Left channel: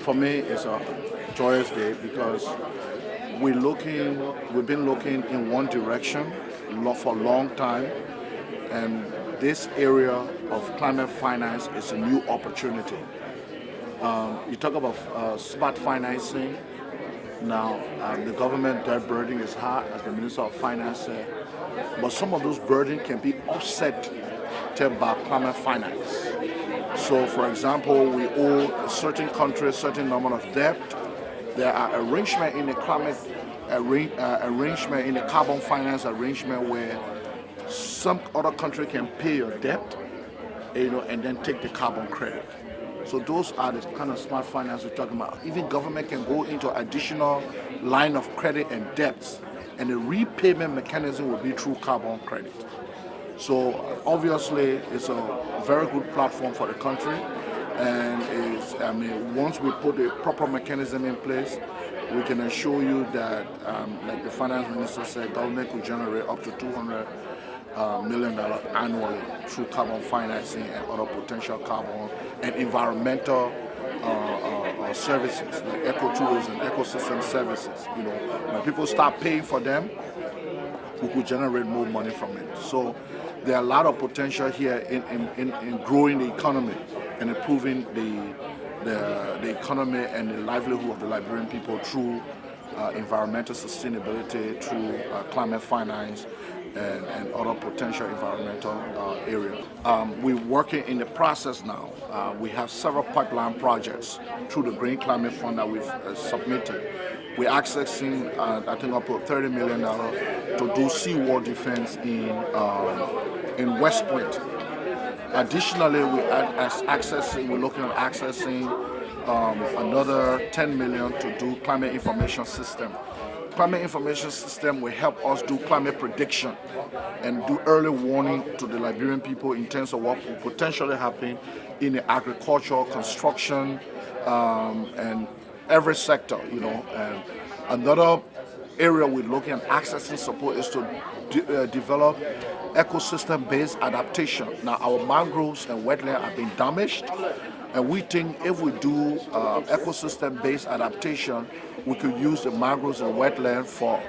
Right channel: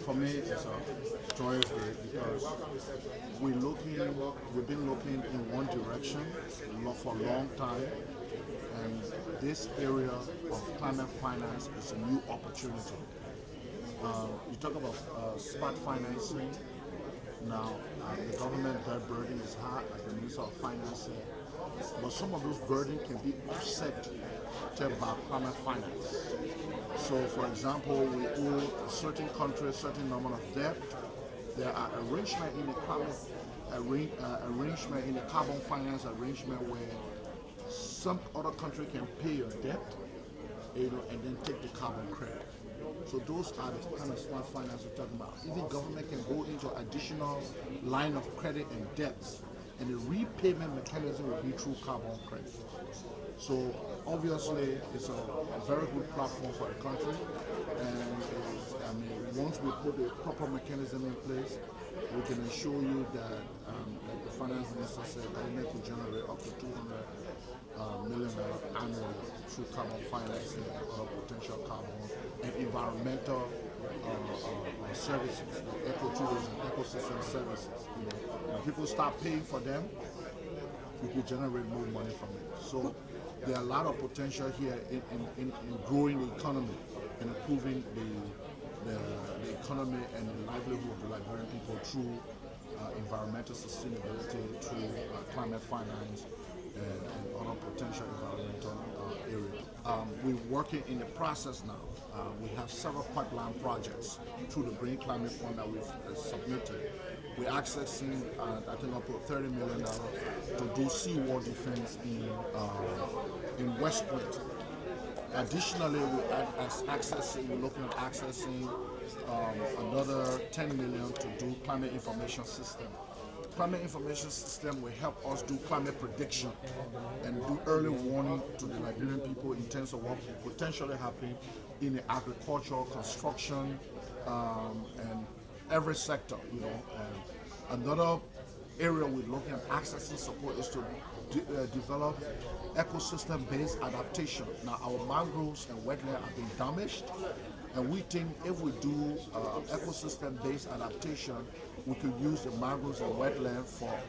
For me, it's a joyous day because we've been looking in one direction for a long time, and this area of climate finance is a new opportunity. You talk about smart financing. Now, the government debt burden is high, as the Minister of Finance said, but some of those burdens can be offset by climate finance. So, for example, we owe a certain country a certain number of debt. There are arrangements in the arrangement in the carbon finance arrangement where some other country can pay your debt, and then take the carbon credit. So those are the kind of smart finance we're talking about. Even government can go into additional line of credit and debts, and the repayment mechanism will be through carbon credit. So obviously, it's a very good platform for the country, and once we put a proper mechanism in place, we can assure you that, like the finance minister said, government could generate up to $200 million annually through carbon financing and other potential carbon and environmental services like ecotourism, ecosystem services. When people start paying for them, we could generate more money from it. So there are a lot of potential here in growing the economy and improving the economy and the livelihood of the Liberian people through environmental sustainability, through climate finance, and other potential environmental areas. We're working in the process now. We have several pipeline projects through the Green Climate Fund that we've submitted. We're accessing, I think, up to $30 million to do seawall defense in West Point. Additionally, we're looking at accessing another $10 million to do climate information system. Climate information system will help us do climate prediction and do early warning to the Liberian people in terms of what will potentially happen in the agriculture, construction, and every sector. And another area we're looking at accessing support is to develop ecosystem-based adaptation. Now, our mangroves and wetlands have been damaged, and we think if we do ecosystem-based adaptation, we could use the mangroves and wetland for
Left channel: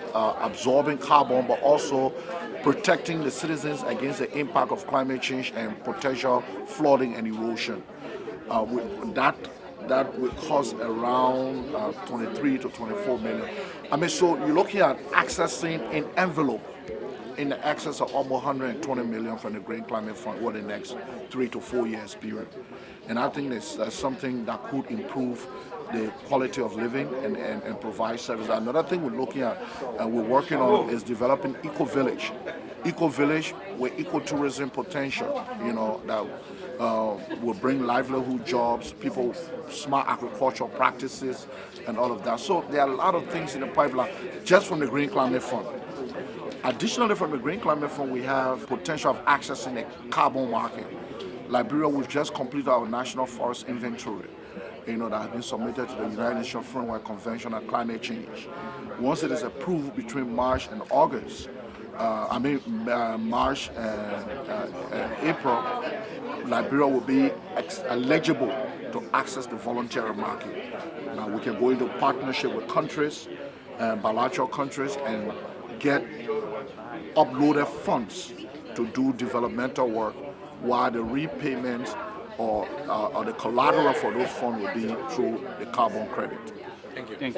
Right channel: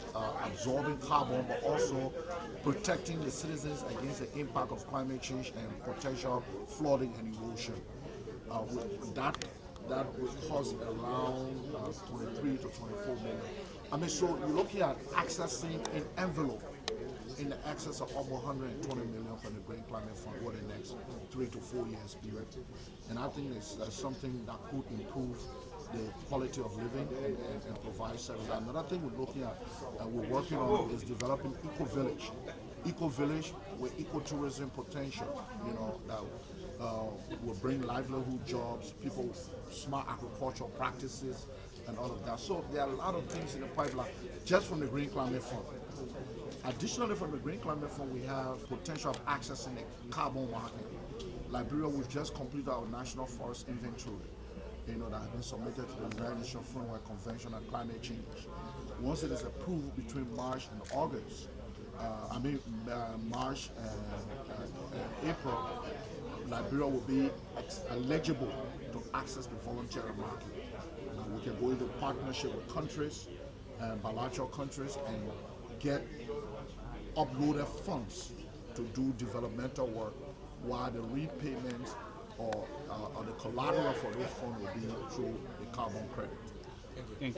absorbing carbon, but also protecting the citizens against the impact of climate change and potential flooding and erosion. That will cost around 23 to 24 million. So you're looking at accessing an envelope in the excess of almost 120 million from the Green Climate Fund over the next 3 to 4 years period. And I think that's something that could improve the quality of living and provide service. Another thing we're looking at and we're working on is developing eco-village. Eco-village with ecotourism potential, that will bring livelihood jobs, people, smart agricultural practices, and all of that. So there are a lot of things in the pipeline just from the Green Climate Fund. Additionally, from the Green Climate Fund, we have potential of accessing the carbon market. Liberia, we've just completed our National Forest Inventory, that has been submitted to the United Nations Framework Convention on Climate Change. Once it is approved between March and August, March and April, Liberia will be eligible to access the voluntary market. Now we can go into partnership with countries, bilateral countries, and get uploaded funds to do developmental work, while the repayment or the collateral for those funds will be through the carbon credit. Thank you.